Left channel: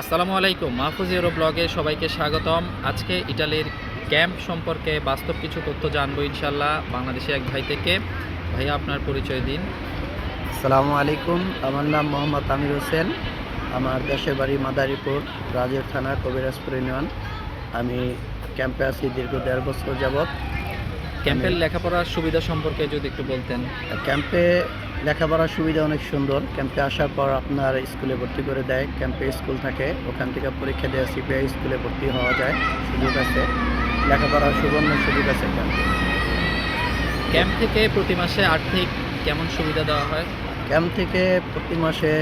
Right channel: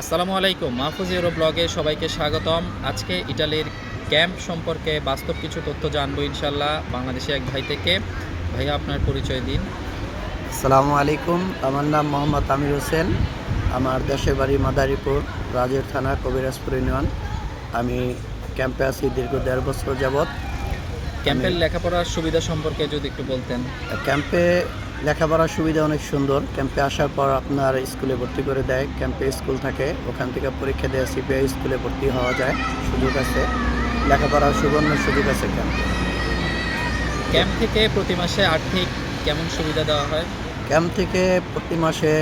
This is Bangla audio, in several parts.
আসসালামু আলাইকুম মাহফুজ ইউরো ব্লগে সবাইকে স্বাগতম। আজকে ইটালির ক্যাম্প সম্পর্কে বাস্তব কিছু তথ্য জানব ইনশাল্লাহ বাংলাদেশে এক ভাই থেকে। ভাইয়া আপনার পরিচয় দিন। আসসালামু আলাইকুম আমার নাম মোহাম্মদ আমির হোসেন। আমার দেশের বাড়ি মাদারীপুর রাজের থানা কবিরাজপুর ইউনিয়ন। আমি ক্যাম্পে আছি দীর্ঘ দেড় বছর যাবৎ। ক্যাম্পের লেখাপড়ার সুবিধা সম্পর্কে যদি একটু বলতেন। ক্যাম্পে লেখাপড়ার সুবিধা অনেক সুন্দর। ক্যাম্পে আসার পর আপনার স্কুলে ভর্তি করে দেয়। ক্যাম্পে স্কুল থাকে ওখান থেকে পরীক্ষা দেওয়া সিপিআই স্কুলে ভর্তি হওয়া যায়। সুযোগ আছে। লেখাপড়ার সুবর্ণ সুযোগ আছে ক্যাম্পে ক্যাম্প থেকে প্রতি মাসে আর্থিক কেমন সুবিধা দেওয়া হয়? ক্যাম্প থেকে প্রতি মাসে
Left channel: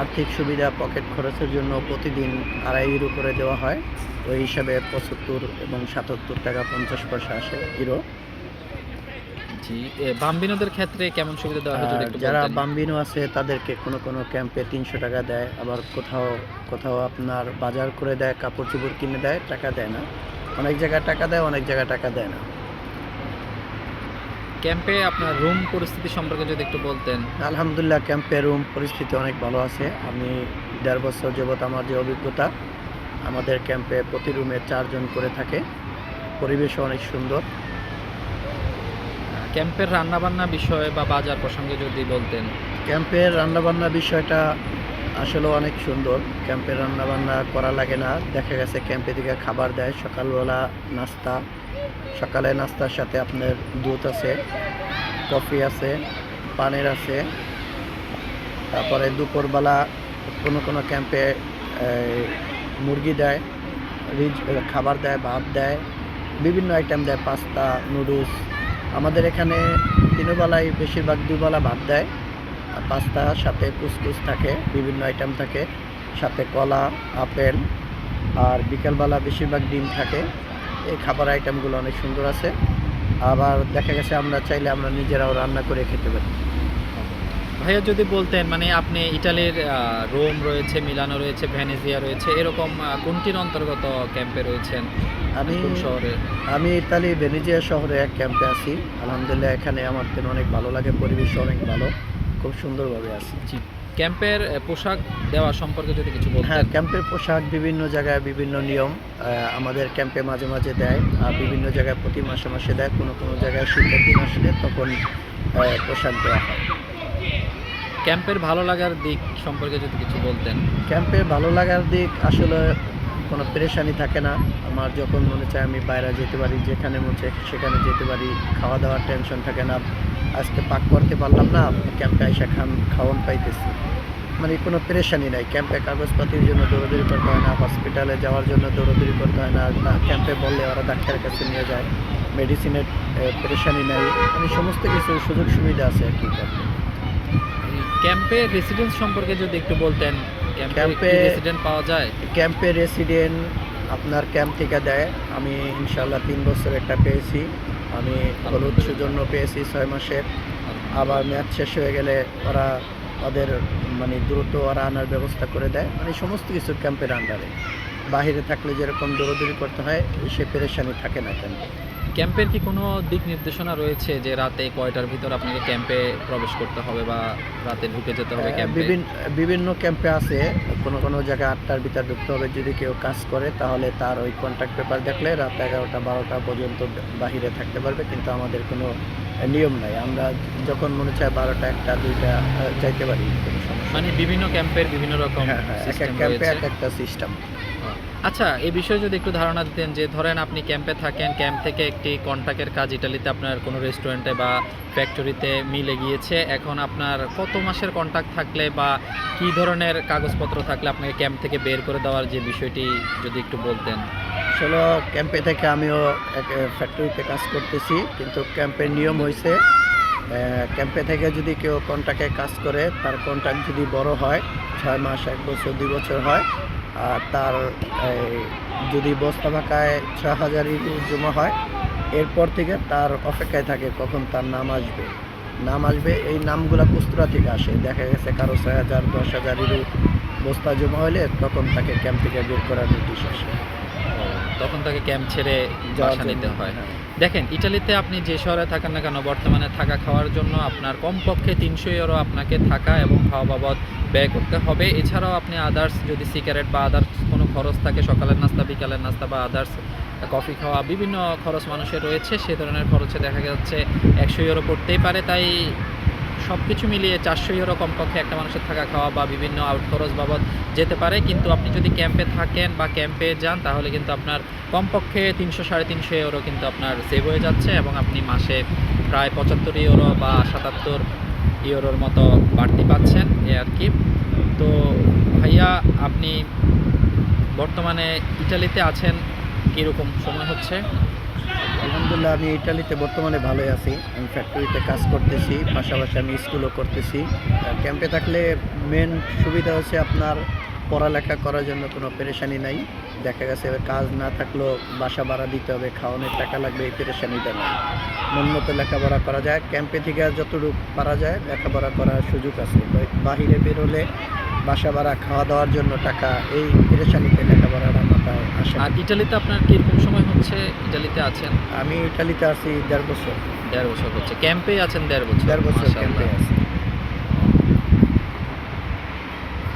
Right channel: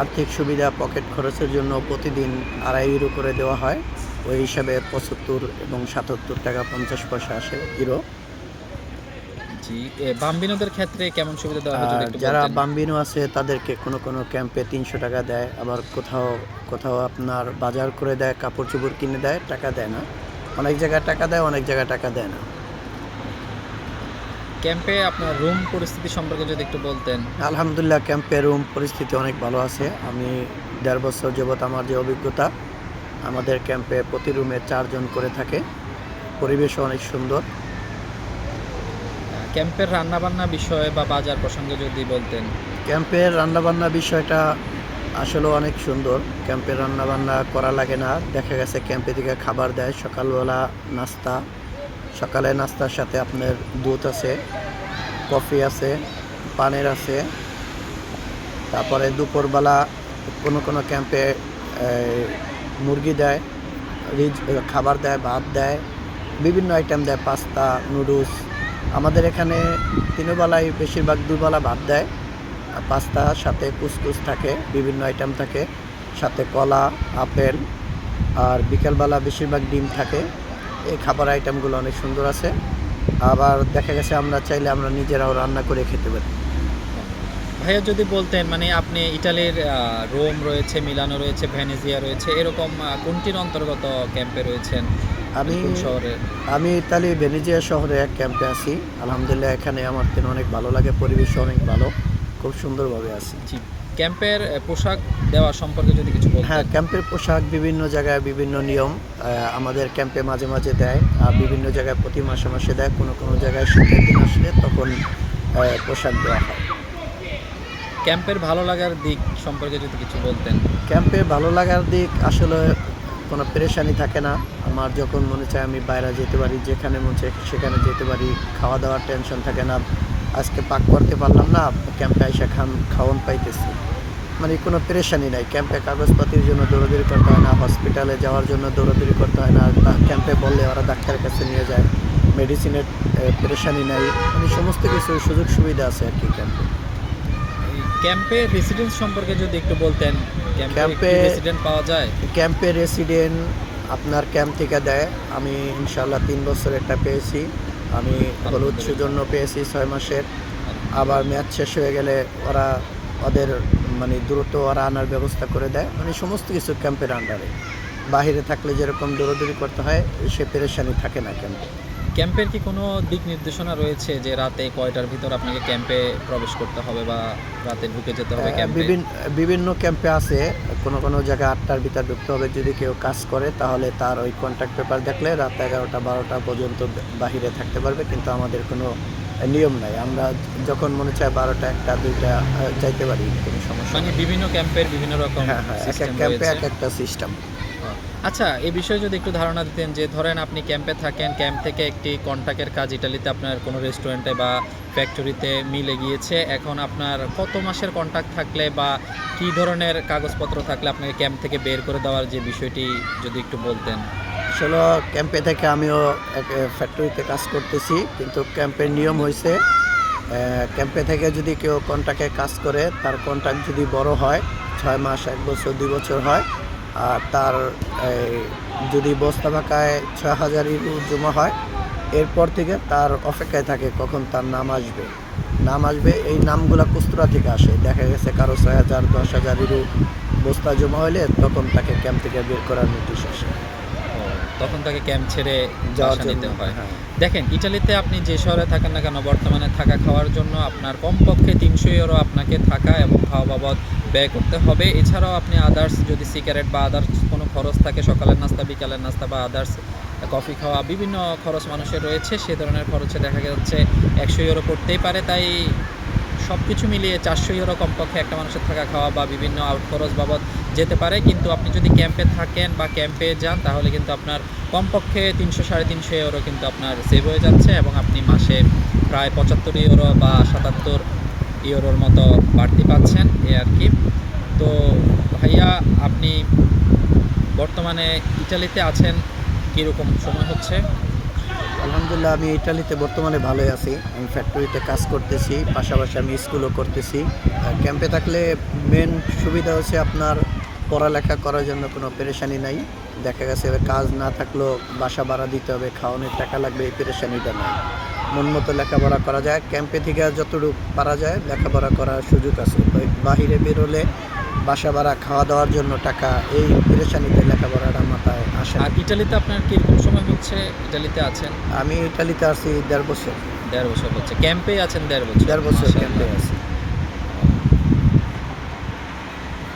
আর্থিক সুবিধা পকেট খরচের জন্য প্রতিদিন আড়াই ইউরো করে দেওয়া হয়। ওই হিসাবে পঁচাত্তর এবং সাতাত্তর টাকা পঞ্চাশ পয়সা আসে ইউরো জি বাম্বিনোদের ক্ষেত্রে কেমন সুবিধা দেওয়া হয় যদি একটু যারা বাম্বিনো আছে তাদেরকে কোনো কোনো ক্যাম্পে তিনশো টাকা দেয় আবার কোথাও কোথাও আপনার বাজার করে দেয় কাপড় চোপড় কিনে দেয় টাকা দেয় না। অনেক জায়গায় টাকা দেয় অনেক জায়গায় টাকা দেয় না। ক্যাম্পে আপনার রুম পরিস্থিতি সম্পর্কে যদি একটু বলতেন। আলহামদুলিল্লাহ ক্যাম্পে রুম পরিস্থিতি অনেক ভালো আছে। আমি দেড় বছর যাবৎ আমার যে অভিজ্ঞতা আমাদের ক্যাম্পে প্রতি রুমে চারজন করে থাকে। পরিবেশও অনেক সুন্দর। ক্যাম্পের রান্নাবান্না বিষয়ে বা বাজার প্রসঙ্গে যদি বলতেন। ক্যাম্পের রান্নাবান্না বিষয়টা আসলে অনেক সুন্দর। ক্যাম্পে রান্নাবান্না করা লাগে না। দেখা গেছে ক্যাম্পে থেকে খাবার দেয়, সকালবেলা নাস্তা। সকালে নাস্তার সাথে আপনার দুধ আছে, কফি আছে, পানের আছে। তারপরে দুপুরবেলা কোনো কোনো ক্যাম্পে মুরগি দেয় রিচ খাবার দেয়, ভাত দেয়। বিভিন্ন আইটেম দেয়, পাস্তা, নুডলস আমাদের এখানে তিনবেলায় বেশিরভাগ দুবেলা ভাত দেয়। পাস্তা, সাথে কুসকুস থাকে, বিভিন্ন আইটেম থাকে। সাথে কলা, আপেল আর বিকেলবেলা বেশিরভাগ ডিম থাকে। এই খাবার আইটেমগুলো অনেক সুন্দর আছে। আবার দেখা গেছে আমরা চাইলে আমরা নিজেরাও রান্না করে খেতে পারি। ভাইয়া যদি বলতেন মানে আপনি ইটালির রোম রয়েছে মিলানো রয়েছে ভেনেজিয়া রয়েছে এরকম কোনটির অন্তর্গত ক্যাম্পে রয়েছেন? আমি শহরে? আমি ইতালি ভেনিজিয়া শহরে এক ক্যাম্পে আছি। আলহামদুলিল্লাহ এখানে আমার তো অনেক ভালো লাগে পরিবেশ অনেক ভালো খুব সুন্দরভাবে আছি। জি ক্যাম্পের পোশাক দেওয়া সম্পর্কে যদি কিছু হ্যাঁ ক্যাম্পের পোশাক বিভিন্ন জায়গায় বিভিন্ন নিয়ম আমাদের ক্যাম্পে মাঝে মাঝে দেয় আর বিভিন্ন জায়গায় প্রতি মাসে মাসে দেয় কোনো কোনো জায়গায় শীতের দিন আসলে তখন পোশাক দেওয়া হয়। ক্যাম্পের ভালো লাগার দিক সম্পর্কে যদি কিছু বলতেন। ক্যাম্পে ভালো লাগার দিক আসলে কোনো পেরেশানি থাকে না। আমার যখন মনে চায় আমি বাইরে যেতে পারি, যেখানে মনে চায় সেখানে যেতে পারি খাওয়া দাওয়ার টেনশন থাকে না। আজকে পাক করতে পারলাম না, ক্যাম্পে এসে খান, খাওয়ান পাইতেছি। মানে কোনো পেরেশানি নাই। ক্যাম্পে কাগজপাতির জন্য দৌড়াদৌড়ি করতে হয় না, হসপিটালে যাওয়ার জন্য দৌড়াদৌড়ি করতে হয় না ক্যাম্পে বললে ওরা ডাক্তারের কাছে নিয়ে যায়। মেডিসিনের পেরেশানি নাই। মানে সমস্ত কিছু সুযোগ সুবিধা আছে আর কি ক্যাম্পে। ক্যাম্পে রেসিডেন্স সম্পর্কে যদি একটু বলতেন ক্যাম্পে রেসিডেন্ট পাওয়া যায়? ক্যাম্পে রেসিডেন্ট আপনার ক্যাম্প থেকে দেয়। আমি ইনশাল্লাহ তিন বছর একটা পেয়েছি। আমি হলুদ জন্য পেয়েছি ছয় মাসের। আবার ম্যাচ শেষ হয়ে গেলে ওরা ওদের মানে দ্রুত ওরা আনার ব্যবস্থা করে দেয়। মানে সমস্ত কিছু ক্যাম্পের আন্ডারে বাহিরে থাকলে যেরকম দৌড়দৌড়ি করতে হয় সে পেরেশানি থাকে না ক্যাম্পে। ক্যাম্পের কি কোনো দিক নির্দেশনা রয়েছে যে রাতে কয়টার ভিতর আপনাকে ক্যাম্পে প্রবেশ করতে হবে বা রাতে ঢুকে যেতে হবে ক্যাম্পে? বিভিন্ন বিভিন্ন ক্যাম্পে আছে কোনো কোনো জায়গায় আটটার ভিতর ঢুকতে হবে। যদি কেউ কাজ করে তাহলে তার ওই কন্ট্যাক্ট পেপার দেখলে রাত এগারোটা বারোটা পর্যন্ত বাহিরে থাকতে পারবে কিন্তু আমাদের কোনো নিয়ম নাই। আমরা যখন মনে চায় বারোটা একটা দুইটা যাইতে পারি কোনো সমস্যা মানে বিভিন্ন ক্যাম্পের বিভিন্ন রকম হ্যাঁ হ্যাঁ এক এক ক্যাম্পে এক একটা সিস্টেম আচ্ছা এই বিষয়ে যদি একটু ধারণা দিতেন যে ধরেন আপনি ক্যাম্পে থাকেন, ক্যাম্প থেকে একটি কন্ট্রাক্টের কাজ ইটালিতে আপনার কোনো রেস্টুরেন্টে বা ফ্যাক্টরিতে মিলে গিয়েছে। এখন আপনার কত মাসের কন্ট্রাক্ট থাকলে বা কি ধরনের কাগজপত্র থাকলে আপনাকে ক্যাম্প থেকে বের করে দেওয়ার যে বিষয়টি যদি একটু বলতেন? আসলে ক্যাম্পে থেকে আমিও এক ফ্যাক্টরিতে কাজ করতেছি, কিন্তু ক্যাম্পের নিয়ম হয়েছে ক্যাম্পে থেকে যদি কেউ কন্ট্রাক্টে কাজ করে, তার কন্ট্রাক্ট যদি বড় হয়, ছয় মাস, এক বছর, দুই বছর হয় তার যদি বস্তা ফাঁকায় ছ হাজার ইউরো জমা হয়, এরপর থেকে তার অপেক্ষায় থাকে কখন তার নাম আসবে। নাম আসবে, এই নামগুলো কুস্তুরা থেকে আসে। দেখা গেছে কারও ছয় হাজার, দশ হাজার ইউরো বস্তা জমা হলে তখন তাকে ক্যাম্প থেকে বের করার নোটিশ আসে। তখন তাকে ক্যাম্প ছেড়ে বাসা নিতে হয়। হ্যাঁ। দেখেন ইটালিতে আপনি যে শহরে থাকেন না কেন বর্তমানে থাকা খাওয়ার জন্য আপনার কমপক্ষে তিনশো ইউরো আপনাকে থাকা এবং খাওয়া বাবদ ব্যয় করতে হবে। এছাড়াও আপনি আদার্স যদি সিগারেট বা আদার্স কোনো খরচ থাকে সকালের নাস্তা বিকালের নাস্তা বা আদার্স কফি খাওয়া বিভিন্ন খরচ মানুষের রয়েছে সে ধরনের খরচে দেখা যাচ্ছে একশো ইউরো পড়তেই পারে। তাই সব কিছু মিলিয়ে চারশো ইউরো কমপক্ষে একটা মানুষের থাকা খাওয়া বা বিভিন্ন আউট খরচ বাবদ যেতে পারে। কিন্তু আপনি যদি ক্যাম্পে থাকেন বা ক্যাম্পে যান, তাহলে কিন্তু আপনার কমপক্ষে তিনশো সাড়ে তিনশো ইউরো কিন্তু আপনার সেভ হয়ে যাচ্ছে এবং আপনি মাসে প্রায় পঁচাত্তর ইউরো বা সাতাত্তর ইউরোর মতো বাড়তি পাচ্ছেন এ আর কি। তো ভাইয়া, আপনি বর্তমানে ইটালিতে আছেন, কীরকম সময় হচ্ছে? আলহামদুলিল্লাহ, আমি ইটালিতে বর্তমানে ভালোই আছি। আমি ফ্যাক্টরিতে কাজ করতেছি, পাশাপাশি আমি স্কুলও করতেছি। ক্যাম্পে থাকলে মেন সুবিধা হচ্ছে আপনার পড়ালেখা করার জন্য কোনো পেরেশানি নাই। দেখা গেছে কাজ না থাকলেও বাসা ভাড়া দিতে হবে, খাওয়ানোর টাকা লাগবে, এই পেরেশানিটা নেই মন মতো লেখাপড়া করা যায়। ক্যাম্পে থেকে যতটুকু পারা যায়, লেখাপড়া করার সুযোগ আছে। বাহিরে বেরোলে বাসা ভাড়া খাওয়া দাওয়ার জন্য টাকা এই পেরেশানিতে লেখাপড়াটা মাথায় আসে আর ইটালিতে আপনার কীরকম সময় হচ্ছে? ইটালিতে আছেন? আমি ইটালিতে আছি দেড় বছর। দেড় বছর হচ্ছে। ক্যাম্পে আছেন দেড় বছর। দেড় বছর ক্যাম্পে আছি।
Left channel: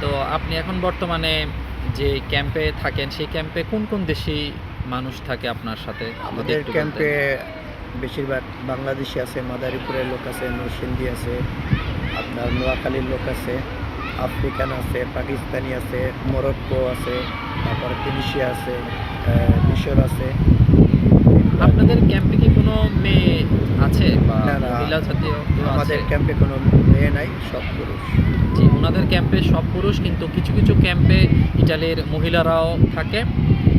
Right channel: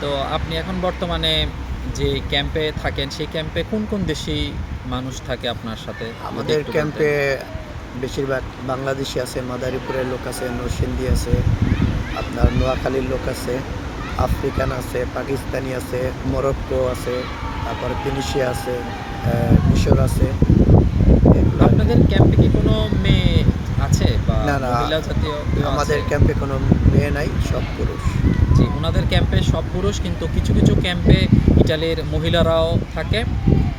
তো আপনি এখন বর্তমানে যে ক্যাম্পে থাকেন সেই ক্যাম্পে কোন কোন দেশি মানুষ থাকে আপনার সাথে? আমাদের ক্যাম্পে বেশিরভাগ বাংলাদেশি আছে মাদারীপুরের লোক আছে নরসিংদী আছে আপনার নোয়াখালীর লোক আছে। আফ্রিকান আছে পাকিস্তানি আছে মরক্কো আছে তারপর তুনিশিয়া আছে মিশর আছে। আপনাদের ক্যাম্পে কি কোনো মেয়ে আছে বা মহিলা জাতীয় আমাদের ক্যাম্পে কোনো মেয়ে নাই সব পুরুষ। জি ওনাদের ক্যাম্পে সব পুরুষ কিন্তু কিছু কিছু ক্যাম্পে ইটালির মহিলারাও থাকে।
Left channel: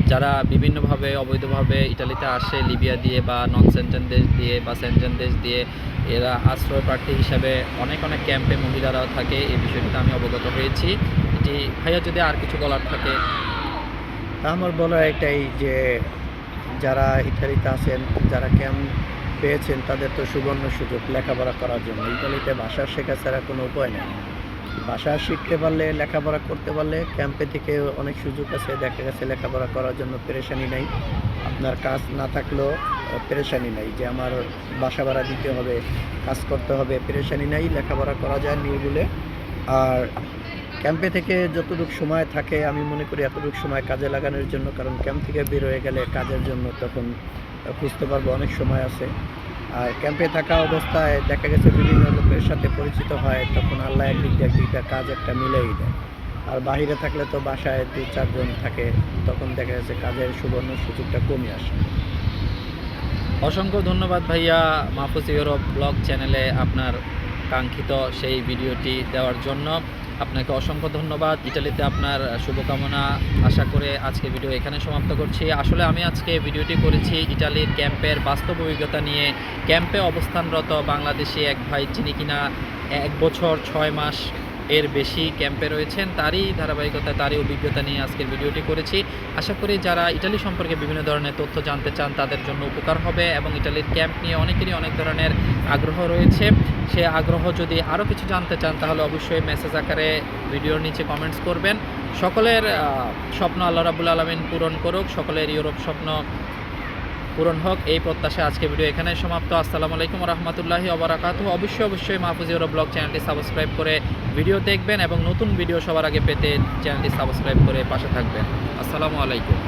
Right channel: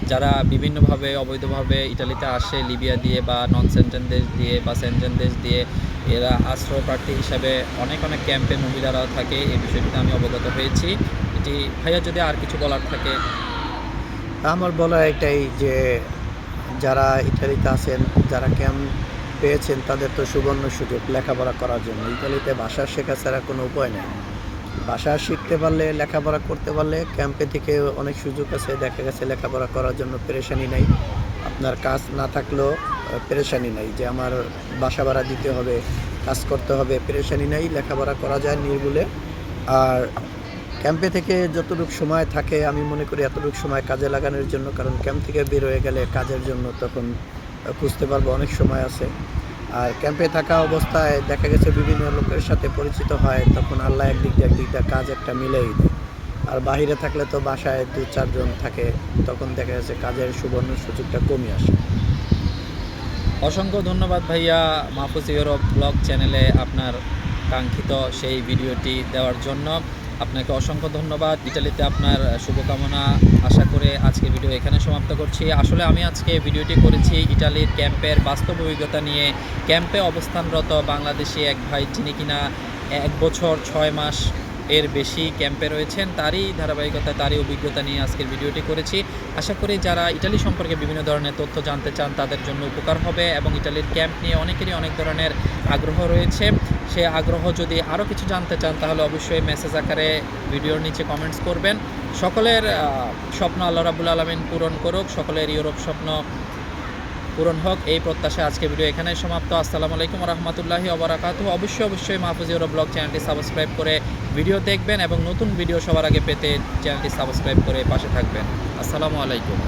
যারা বিভিন্নভাবে, অবৈধভাবে ইটালিতে আসে, লিবিয়া দিয়ে বা নন সেন্টেন দেশ দিয়ে বা সেন্টেন দেশ দিয়ে, এরা আশ্রয় প্রার্থী হিসাবে অনেক অনেক ক্যাম্পে মহিলারাও থাকে। এই বিষয়টিতে আমি অবগত হয়েছি। এটি, ভাইয়া, যদি আর কিছু বলার থাকে? আমার বলা এটাই যে, যারা ইটালিতে আছেন, যারা ক্যাম্প পেয়েছেন, তাদের তো সুবর্ণ সুযোগ লেখাপড়া করার জন্য। ইটালিতে ভাষা শেখা ছাড়া কোনো উপায় নেই। ভাষা শিখতে পারলে, লেখাপড়া করতে পারলে ক্যাম্পে থেকে অনেক সুযোগ আছে, দেখা গেছে লেখাপড়া করার জন্য পেরেশানি নাই। আপনার কাজ না থাকলেও পেরেশানি নাই যে আমার বাসা ভাড়া দিতে হবে, কাজ করতে হবে, পেরেশানি নাই, লেখাপড়া করা যায় নির্ভুলে। আর ক্যাম্পে থেকে যতটুকু সময় থাকে, আমি মনে করি এতটুকু সময় কাজে লাগানোর জন্য, কারণ ক্যাম্প থেকে বের হয়ে গেলে কাজের জন্য তখন খুঁজতে পারব, অনেক সময় আছে। আর ক্যাম্পে থাকা অবস্থায় দেখা গেছে বিভিন্ন লোকের সাথে পরিচিত হয়, তখন আল্লাহ একদিক দিয়ে একদিকটা কাজ একটা মিলেই দেয়। আর বাইরে থাকলে তো বাসায় দু চারজন থাকে, তখন দেখা যাচ্ছে কাজের সুবর্ণ সুযোগটা কমে আসে। অসংখ্য ধন্যবাদ ভাইয়া মাহফুজ ইউরোপ ব্লগ চ্যানেলে আপনার কাঙ্ক্ষিত সেই ভিডিওটি দেওয়ার জন্য। আপনাকে অসংখ্য ধন্যবাদ। ইটালিতে আপনার শুভকামনা। আশা করে আজকে ভিডিও এখানে সমাপ্ত করছি। আসলে আমি আজকে ভিডিওটি করেছি ইটালির ক্যাম্পের বাস্তব অভিজ্ঞতা নিয়ে। ক্যাম্পে অবস্থানরত বাংলাদেশি এক ভাই, যিনি কিনা এক বছর ছয় মাস এর বেশি ক্যাম্পে রয়েছেন, তারই ধারাবাহিকতা, তারই অভিজ্ঞতা নিয়ে আজকের ভিডিওটি করেছি। আশা করি যারা ইটালি সম্পর্কে বিভিন্ন ধরনের তথ্য জানতে চান, তাদের জন্য উপকার হবে এবং ইটালির ক্যাম্প নিয়ে অনেকেরই অনেক ধরনের আগ্রহ রয়েছে। সে আগ্রহ যদি আরও কিছু জানতে চান, তাহলে অবশ্যই মেসেজ আকারে ভিডিওর নিচে কমেন্টস করবেন। সকলের স্বপ্ন আল্লাহ রাবুল আলমিন পূরণ করুক, সকলের ইউরোপ স্বপ্ন পূরণ হোক, এই প্রত্যাশা আজকে ভিডিও এখানে সমাপ্ত। আসসালামু আলাইকুম রহমতুল্লাহি অবরাকাত অবশ্যই অবশ্যই মাহফুজ ইউরো ব্লগ চ্যানেলটি সাবস্ক্রাইব করে ভিডিও দেখবেন এবং নতুন ভিডিও সবার আগে পেতে চ্যানেলটি সাবস্ক্রাইব করে পাশে থাকবেন। আসসালামু আলাইকুম।